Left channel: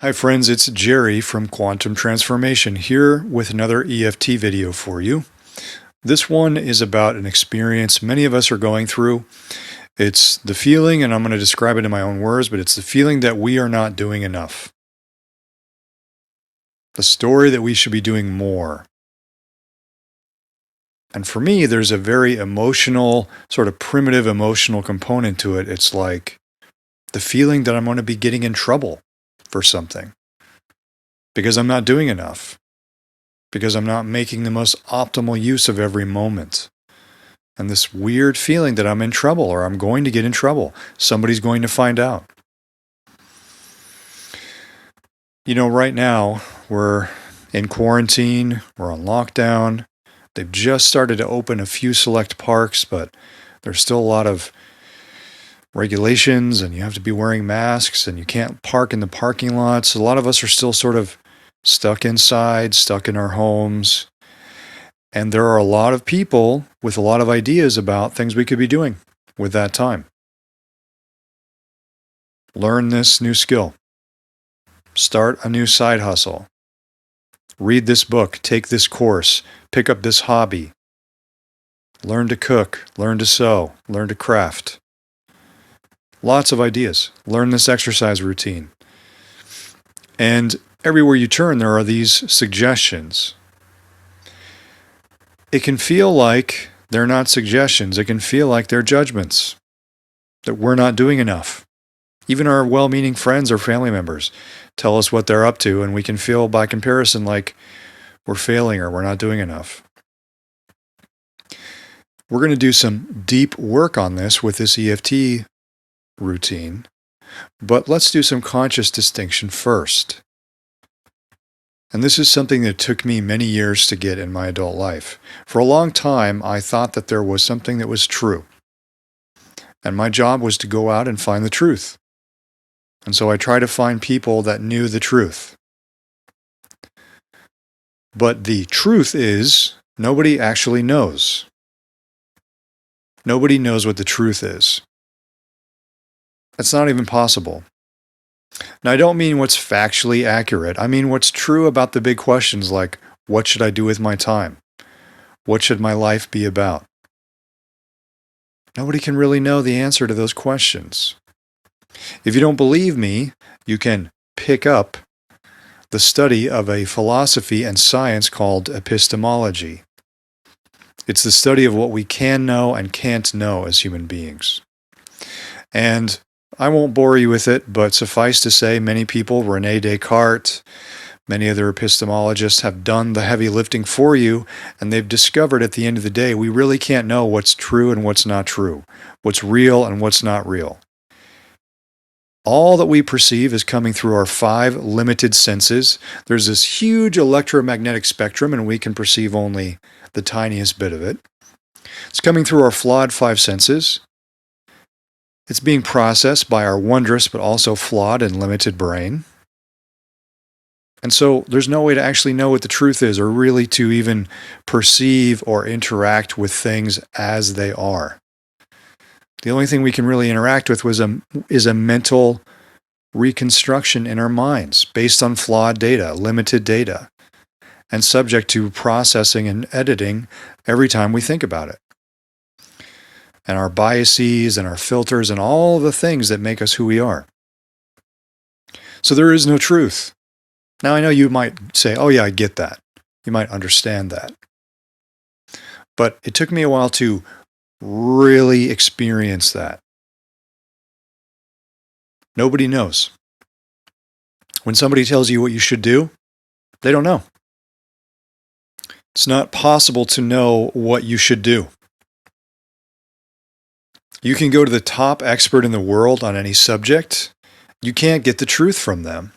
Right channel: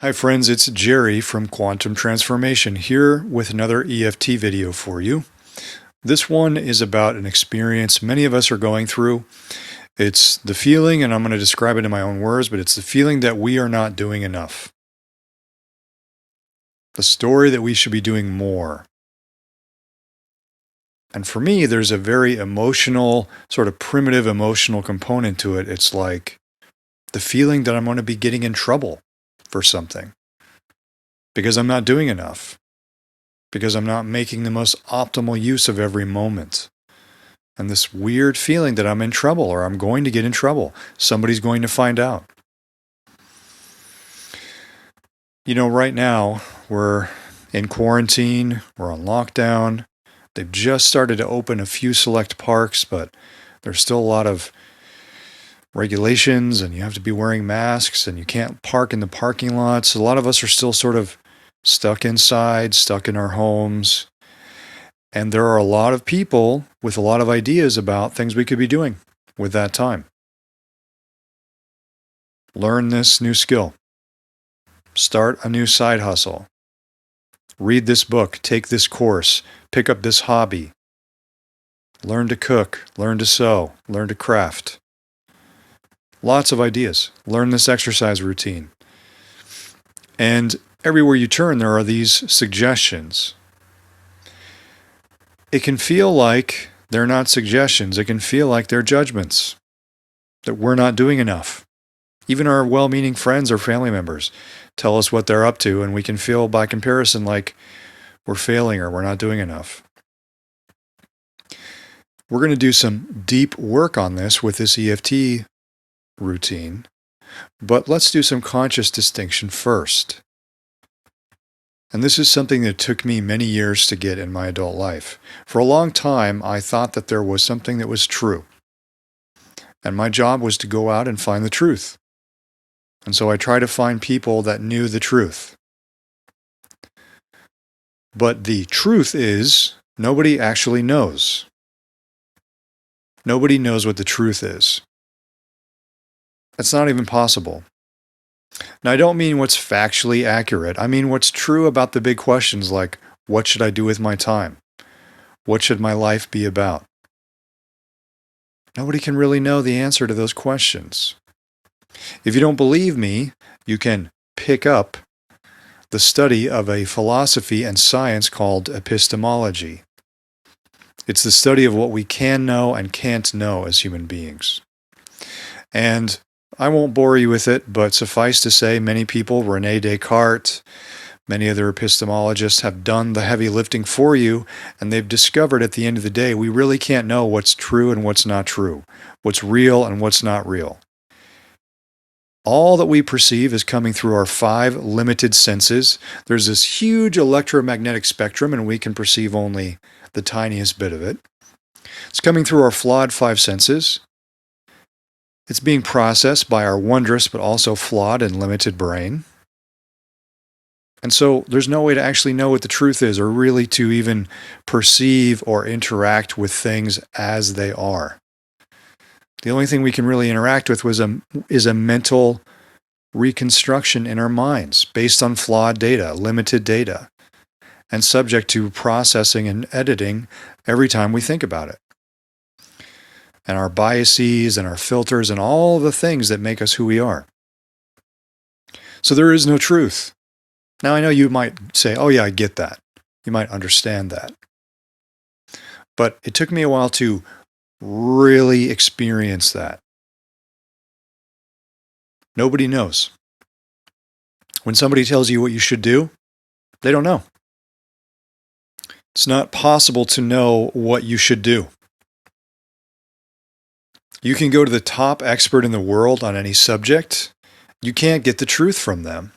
Hi friends, it's Jerry from Quantum Transformation here with another EFT video for you. This one is about an experience many of us are going through. It's the feeling, and I'm going to describe it in my own words, but it's the feeling that we are not doing enough. The story that we should be doing more. And for me, there's a very emotional, sort of primitive emotional component to it. It's like the feeling that I'm going to be getting in trouble for something because I'm not doing enough, because I'm not making the most optimal use of every moment. And this weird feeling that I'm in trouble or I'm going to get in trouble. Somebody's going to find out. You know, right now we're in quarantine, we're on lockdown. They've just started to open a few select parks, but there's still a lot of regulations and you have to be wearing masks and you can't park in the parking lots. A lot of us are still sort of stuck inside, stuck in our homes. And there are a lot of people with a lot of ideas about things we could be doing with that time. Learn this new skill. Start a new side hustle. Read this book, take this course, pick up this hobby. Learn to cook, learn to sew, learn to craft. Lots of ideas. Learn this exercise routine. And everywhere you turn, there are these suggestions. It can feel like they're not suggestions. It can feel like they're judgments, that we're not doing enough. Even our well-meaning friends or family members tell us what they're up to, and we can feel by comparison like we're failing or we're not doing enough. We're going to do some deep work on this with this EFT routine, but let's do some conscious distinction first. And this is something that took me many years to get in my adult life. For a long time, I thought that there was something that was true. And my job was to go out and find the truth. And so I tried to find people that knew the truth. But the truth is, nobody actually knows. Nobody knows what the truth is. That's not even possible. Now, I don't mean what's factually accurate. I mean what's true about the big questions like, what should I do with my time? What should my life be about? Nobody can really know the answer to those questions. If you don't believe me, you can pick up the study of a philosophy and science called epistemology. It's the study of what we can know and can't know as human beings. And I won't bore you with it, but suffice to say, many people, René Descartes, many other epistemologists have done the heavy lifting for you, and they've discovered at the end of the day, we really can't know what's true and what's not true, what's real and what's not real. All that we perceive is coming through our 5 limited senses. There's this huge electromagnetic spectrum, and we can perceive only the tiniest bit of it. It's coming through our flawed 5 senses. It's being processed by our wondrous but also flawed and limited brain. And so there's no way to actually know what the truth is or really to even perceive or interact with things as they are. The only thing we can really interact with is a mental reconstruction in our minds based on flawed data, limited data, and subject to processing and editing every time we think about it. And our biases and our filters and all the things that make us who we are. So there is no truth. Now I know you might say, oh yeah, I get that. You might understand that. But it took me a while to really experience that. Nobody knows. When somebody tells you what you should do, they don't know. It's not possible to know what you should do. You can go to the top expert in the world on any subject. You can't get the truth from them.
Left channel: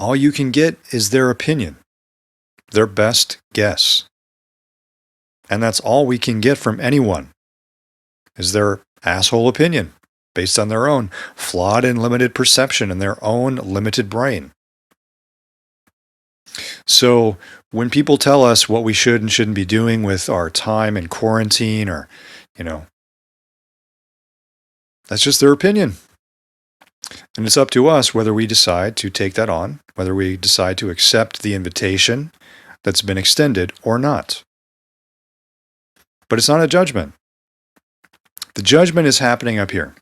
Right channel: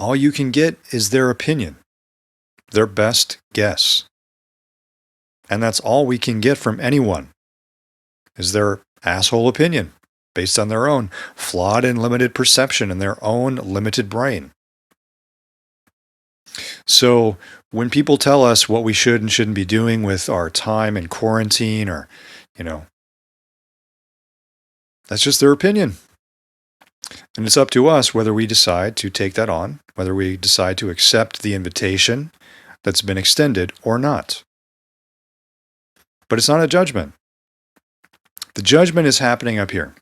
All you can get is their opinion, their best guess. And that's all we can get from anyone, is their asshole opinion, based on their own flawed and limited perception and their own limited brain. So when people tell us what we should and shouldn't be doing with our time in quarantine, or, you know, that's just their opinion. And it's up to us whether we decide to take that on, whether we decide to accept the invitation that's been extended or not. But it's not a judgment. The judgment is happening up here.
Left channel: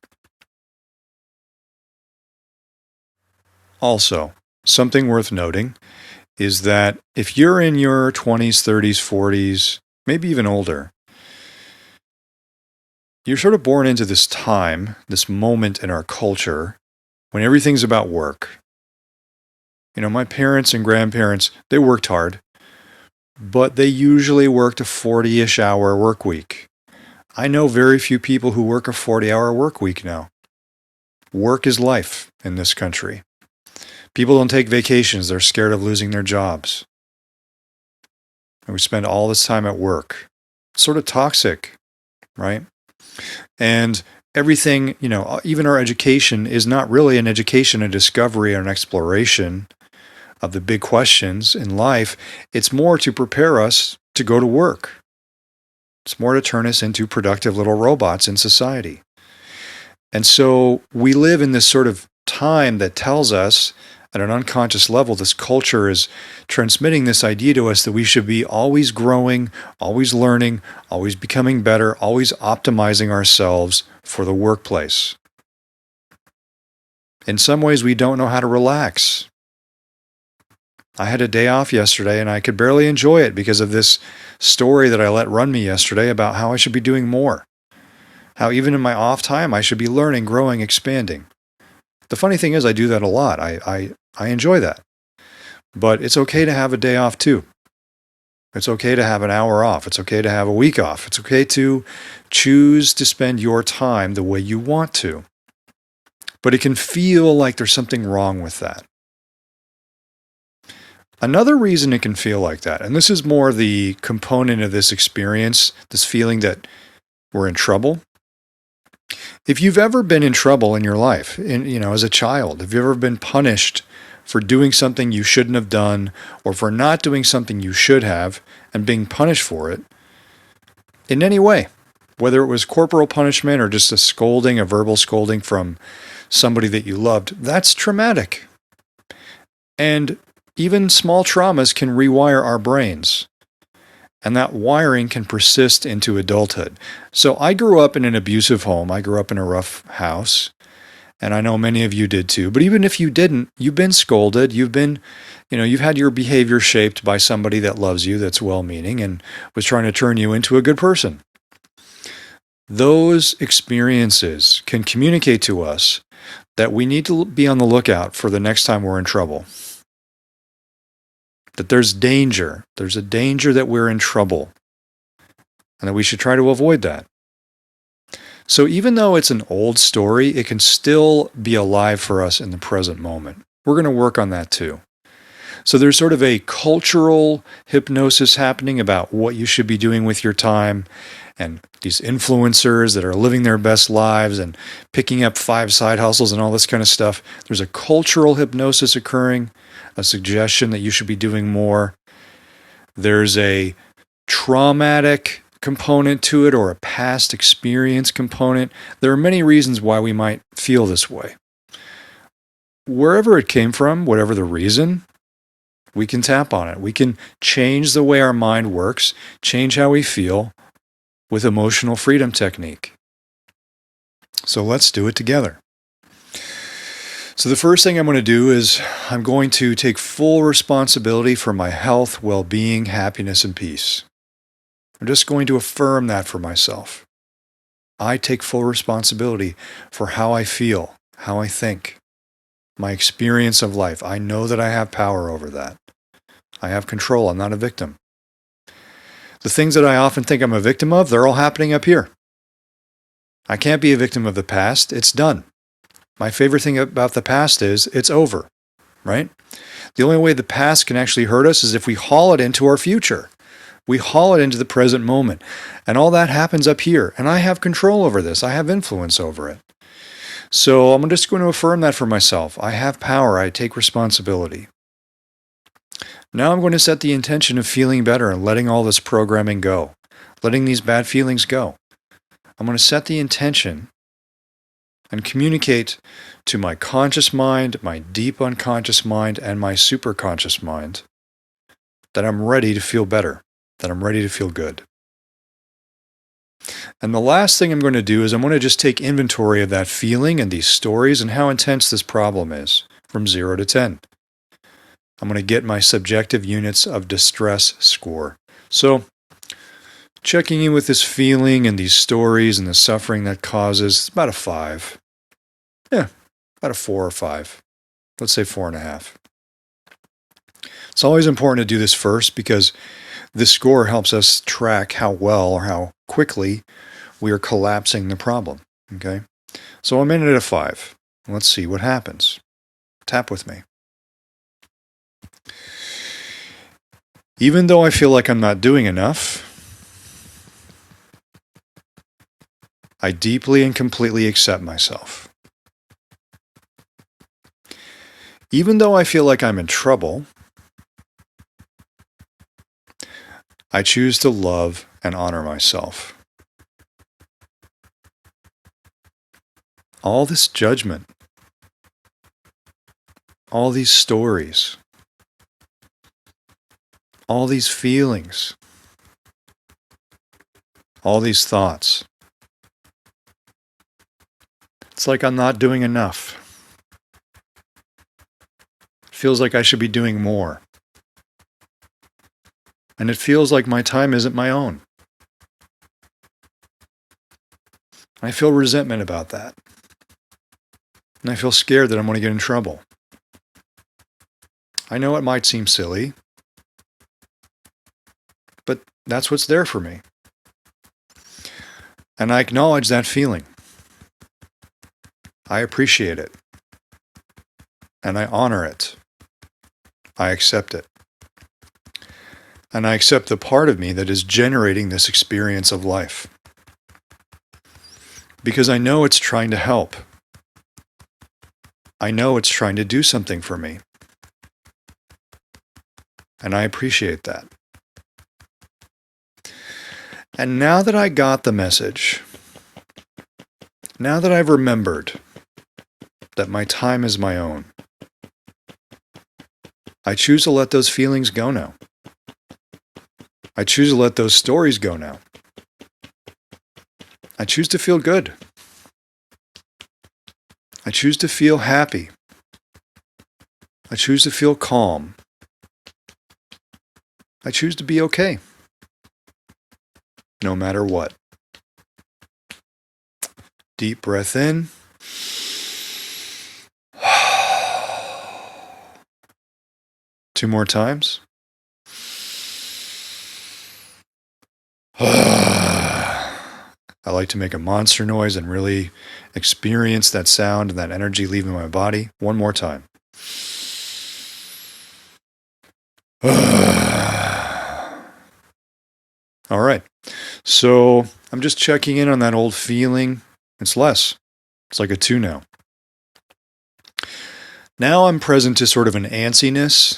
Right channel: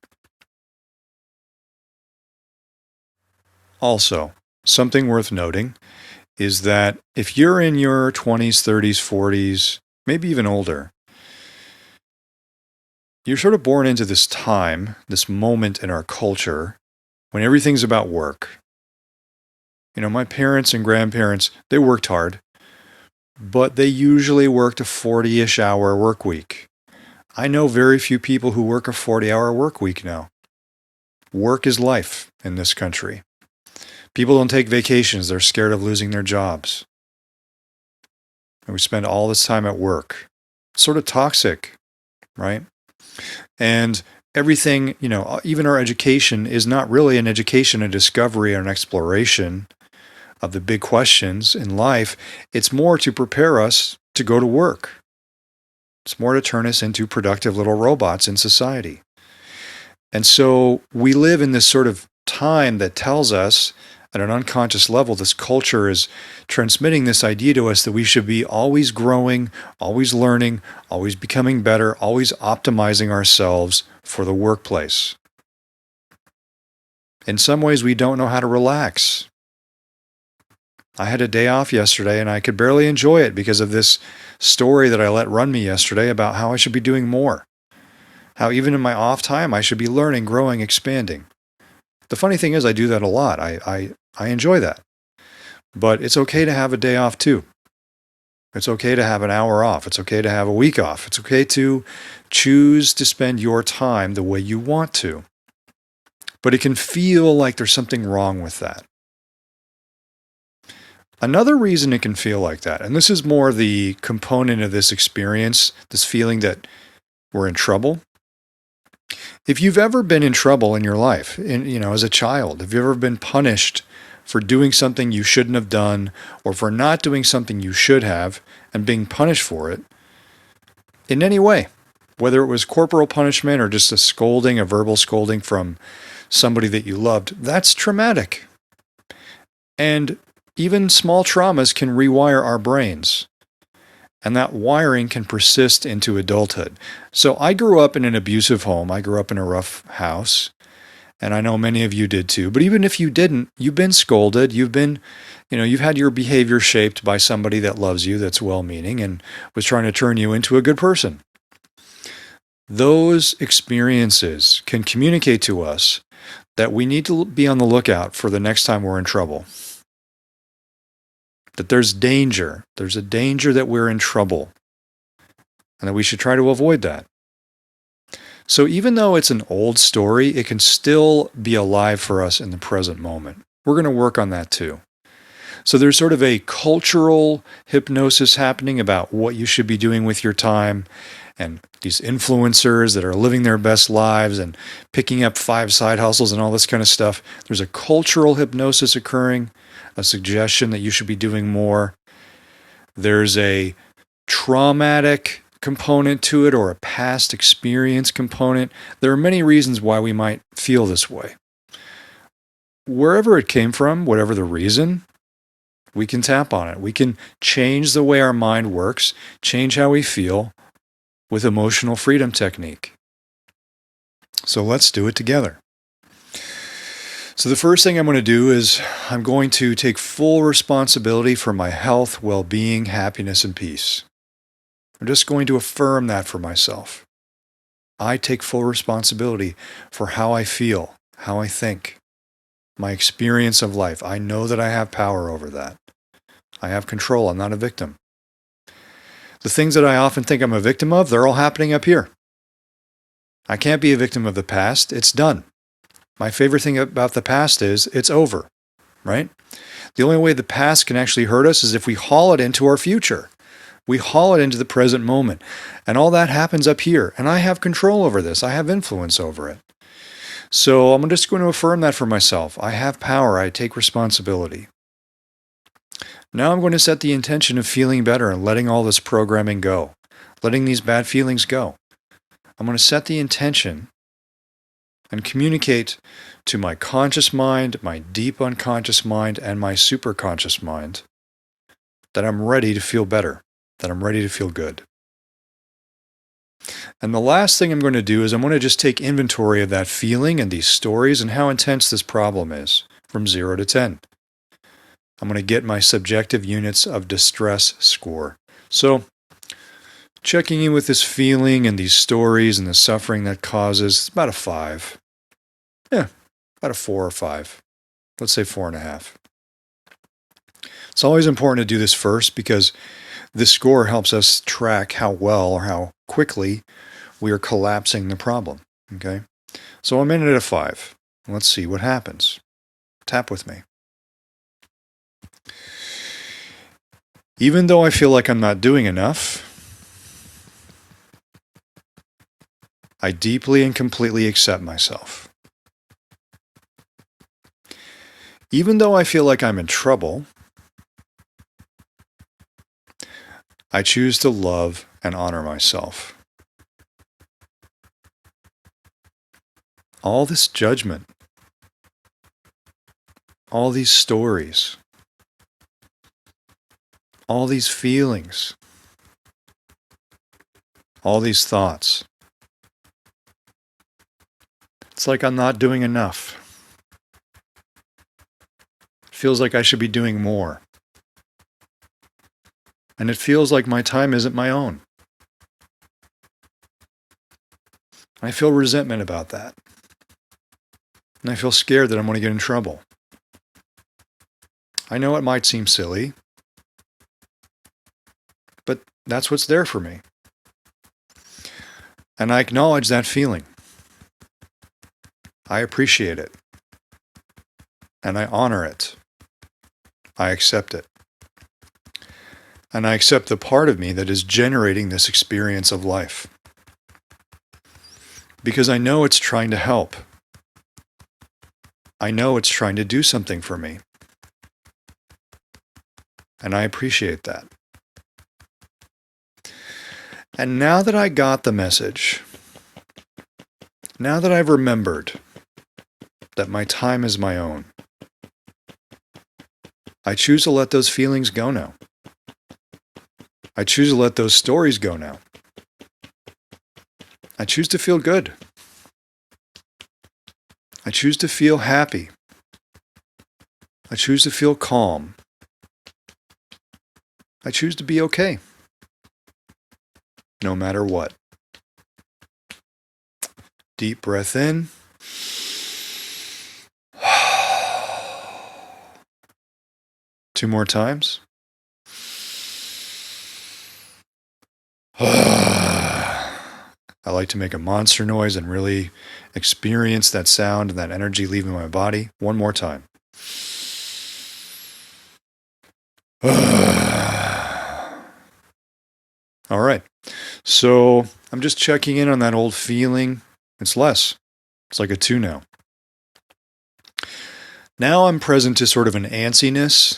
Also, something worth noting is that if you're in your 20s, 30s, 40s, maybe even older, you're sort of born into this time, this moment in our culture when everything's about work. My parents and grandparents, they worked hard, but they usually worked a 40-ish hour work week. I know very few people who work a 40-hour work week now. Work is life in this country. People don't take vacations. They're scared of losing their jobs. And we spend all this time at work. It's sort of toxic, right? And everything, even our education is not really an education, a discovery, or an exploration of the big questions in life. It's more to prepare us to go to work. It's more to turn us into productive little robots in society. And so we live in this sort of time that tells us at an unconscious level, this culture is transmitting this idea to us that we should be always growing, always learning, always becoming better, always optimizing ourselves for the workplace. In some ways, we don't know how to relax. I had a day off yesterday and I could barely enjoy it because of this story that I let run me yesterday about how I should be doing more. How even in my off time, I should be learning, growing, expanding. The funny thing is I do that a lot. I enjoy that. But it's okay to have a day off too. It's okay to have an hour off. It's okay to have a week off. It's okay to choose to spend your time the way you want to. But it can feel like there's something wrong with that. Another reason it can feel like that, and this is more the component of this experience, this feeling that we're in trouble. If you've ever been in trouble in your life, as a child, if you've ever been punished for doing something you shouldn't have done, or for not doing something you should have, and being punished for it, in any way, whether it was corporal punishment or just a scolding, a verbal scolding from somebody that you loved, that's traumatic. And even small traumas can rewire our brains. And that wiring can persist into adulthood. So I grew up in an abusive home. I grew up in a rough house. And I know many of you did too. But even if you didn't, you've been scolded. You've had your behavior shaped by somebody that loves you, that's well-meaning, and was trying to turn you into a good person. Those experiences can communicate to us that we need to be on the lookout for the next time we're in trouble. That there's danger. There's a danger that we're in trouble. And that we should try to avoid that. So even though it's an old story, it can still be alive for us in the present moment. We're going to work on that too. So there's sort of a cultural hypnosis happening about what you should be doing with your time, and these influencers that are living their best lives and picking up 5 side hustles and all this kind of stuff. There's a cultural hypnosis occurring, a suggestion that you should be doing more. There's a traumatic component to it, or a past experience component. There are many reasons why we might feel this way. Wherever it came from, whatever the reason, we can tap on it. We can change the way our mind works, change how we feel with emotional freedom technique. So let's do it together. So the first thing I'm going to do is I'm going to take full responsibility for my health, well-being, happiness, and peace. I'm just going to affirm that for myself. I take full responsibility for how I feel, how I think, my experience of life. I know that I have power over that. I have control. I'm not a victim. The things that I often think I'm a victim of, they're all happening up here. I can't be a victim of the past. It's done. My favorite thing about the past is it's over, right? The only way the past can actually hurt us is if we haul it into our future. We haul it into the present moment. And all that happens up here. And I have control over this. I have influence over it. So I'm just going to affirm that for myself. I have power. I take responsibility. Now I'm going to set the intention of feeling better and letting all this programming go, letting these bad feelings go. I'm going to set the intention and communicate to my conscious mind, my deep unconscious mind, and my superconscious mind that I'm ready to feel better, that I'm ready to feel good. And the last thing I'm going to do is I'm going to just take inventory of that feeling and these stories and how intense this problem is from 0 to 10. I'm going to get my subjective units of distress score. So, checking in with this feeling and these stories and the suffering that causes, about a 5. Yeah, about a 4 or 5. Let's say 4.5. It's always important to do this first because this score helps us track how well or how quickly we are collapsing the problem. Okay? So I'm in at a 5. Let's see what happens. Tap with me. Even though I feel like I'm not doing enough, I deeply and completely accept myself. Even though I feel like I'm in trouble, I choose to love and honor myself. All this judgment, all these stories, all these feelings, all these thoughts. It's like I'm not doing enough. It feels like I should be doing more. And it feels like my time isn't my own. I feel resentment about that. And I feel scared that I'm going to get in trouble. I know it might seem silly, but that's what's there for me. And I acknowledge that feeling. I appreciate it. And I honor it. I accept it. And I accept the part of me that is generating this experience of life. Because I know it's trying to help. I know it's trying to do something for me. And I appreciate that. And now that I got the message, now that I've remembered that my time is my own, I choose to let those feelings go now. I choose to let those stories go now. I choose to feel good. I choose to feel happy. I choose to feel calm. I choose to be okay, no matter what. Deep breath in. Two more times. I like to make a monster noise and really experience that sound and that energy leaving my body. One more time. All right. So I'm just checking in on that old feeling. It's less. It's like a 2 now. Now I'm present to sort of an antsiness,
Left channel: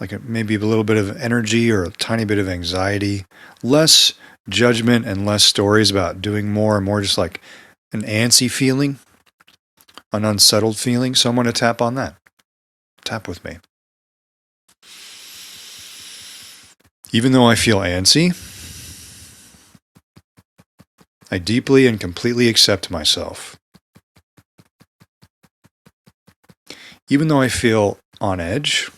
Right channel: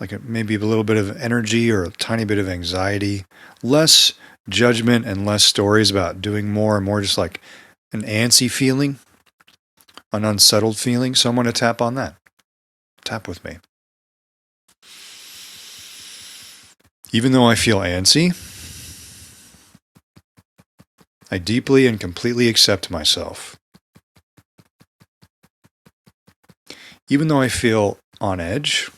like maybe a little bit of energy or a tiny bit of anxiety, less judgment and less stories about doing more and more just like an antsy feeling, an unsettled feeling. So I'm going to tap on that. Tap with me. Even though I feel antsy, I deeply and completely accept myself. Even though I feel on edge,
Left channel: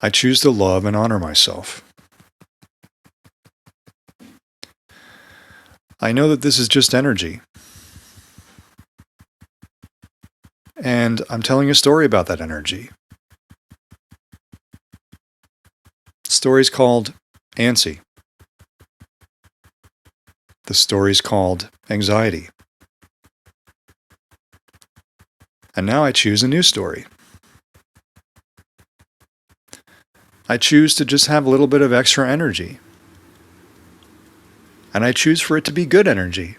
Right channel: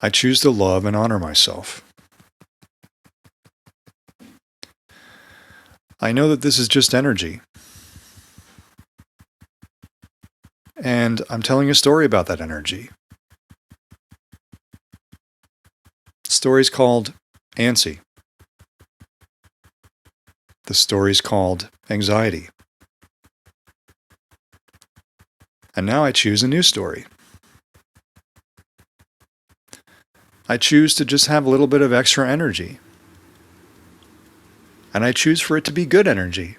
I choose to love and honor myself. I know that this is just energy. And I'm telling a story about that energy. The story's called Antsy. The story's called Anxiety. And now I choose a new story. I choose to just have a little bit of extra energy. And I choose for it to be good energy.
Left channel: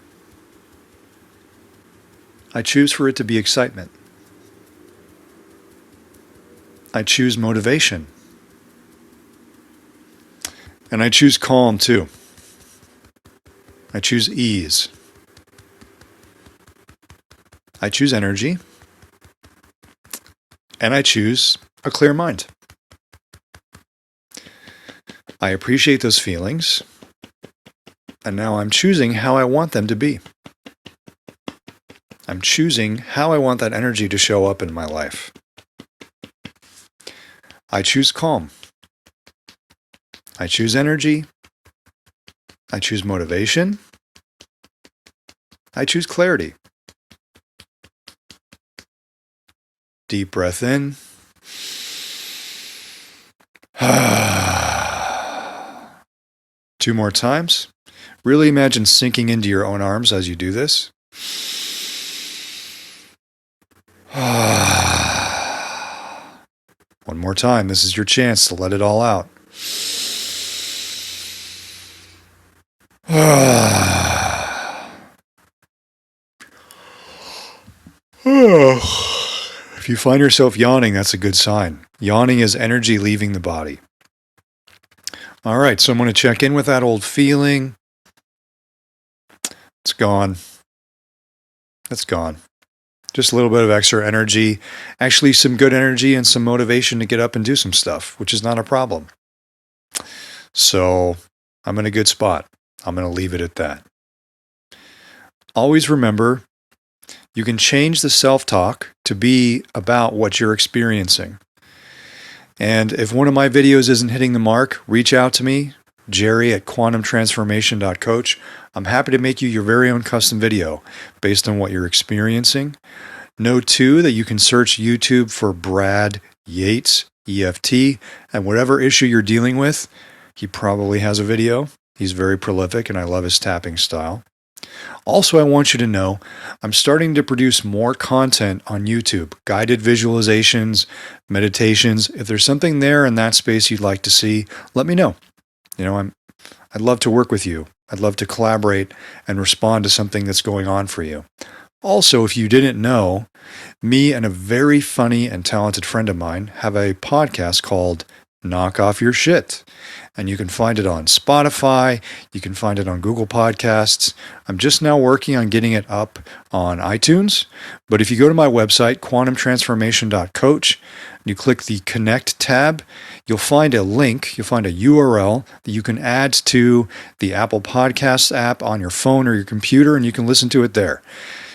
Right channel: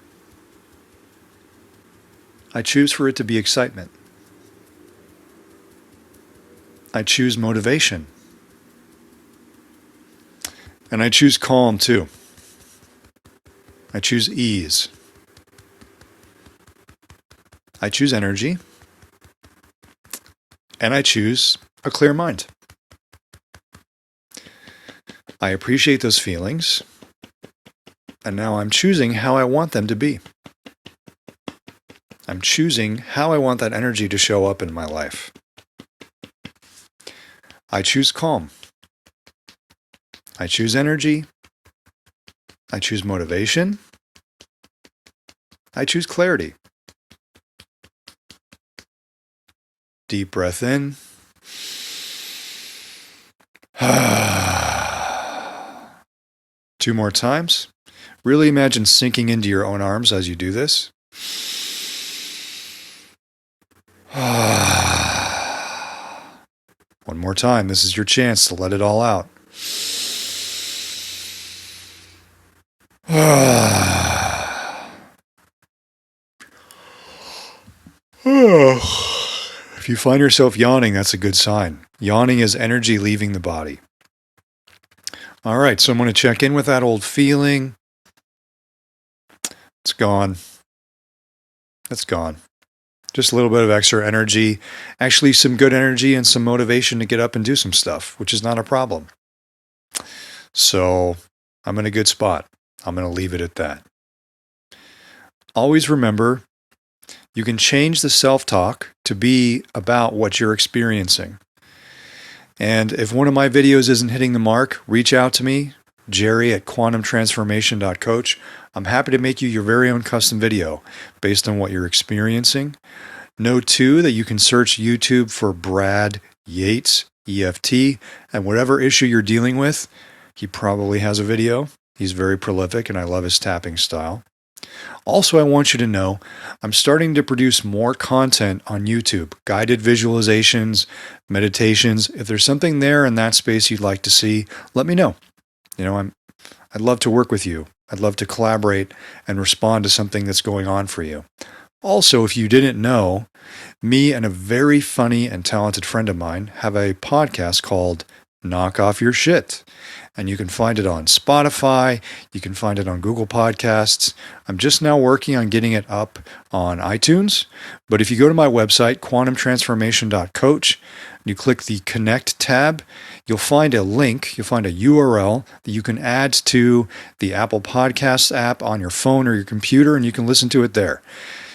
I choose for it to be excitement. I choose motivation. And I choose calm too. I choose ease. I choose energy. And I choose a clear mind. I appreciate those feelings. And now I'm choosing how I want them to be. I'm choosing how I want that energy to show up in my life. I choose calm. I choose energy. I choose motivation. I choose clarity. Deep breath in. 2 more times. Really imagine sinking into your own arms as you do this. One more time. This is your chance to let it all out. If you find yourself yawning, that's a good sign. Yawning is energy leaving the body. All right, so I'm going to check in with that old feeling. It's gone. It's gone. Just a little bit of extra energy. Actually, some good energy and some motivation to get up and do some stuff, which is not a problem. So I'm in a good spot. I'm going to leave it at that. Always remember, you can change the self-talk to be about what you're experiencing. And if one of my videos isn't hitting the mark, reach out to me, Jerry at quantumtransformation.coach. I'm happy to make you your very own custom video based on what you're experiencing. Know, too, that you can search YouTube for Brad Yates, EFT, and whatever issue you're dealing with, he probably has a video. He's very prolific, and I love his tapping style. Also, I want you to know I'm starting to produce more content on YouTube, guided visualizations, meditations. If there's something there in that space you'd like to see, let me know. I'd love to work with you. I'd love to collaborate and respond to something that's going on for you. Also, if you didn't know, me and a very funny and talented friend of mine have a podcast called Knock Off Your Shit. And you can find it on Spotify. You can find it on Google Podcasts. I'm just now working on getting it up on iTunes. But if you go to my website, quantumtransformation.coach, you click the Connect tab, you'll find a link, you'll find a URL that you can add to the Apple Podcasts app on your phone or your computer, and you can listen to it there.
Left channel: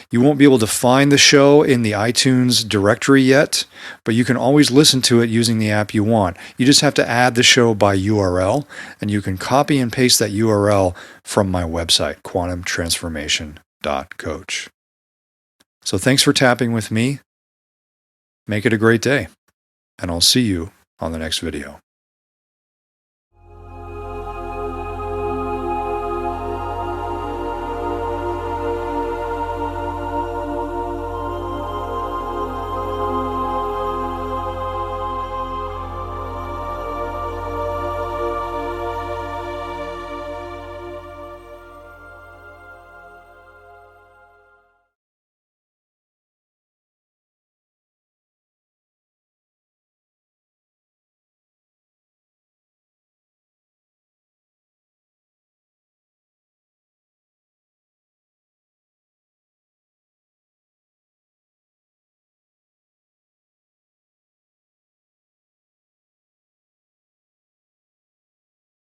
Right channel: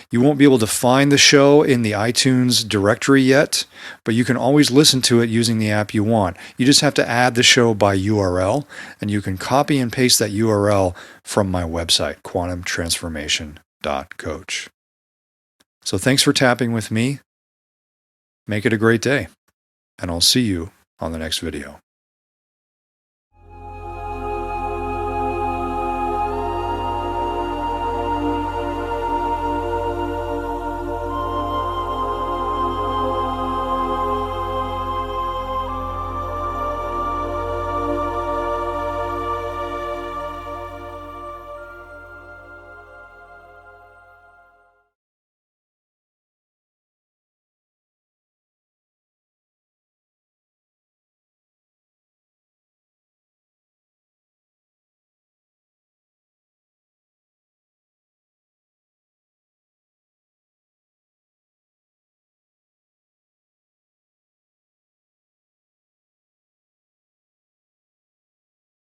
You won't be able to find the show in the iTunes directory yet, but you can always listen to it using the app you want. You just have to add the show by URL, and you can copy and paste that URL from my website, quantumtransformation.coach. So thanks for tapping with me. Make it a great day, and I'll see you on the next video.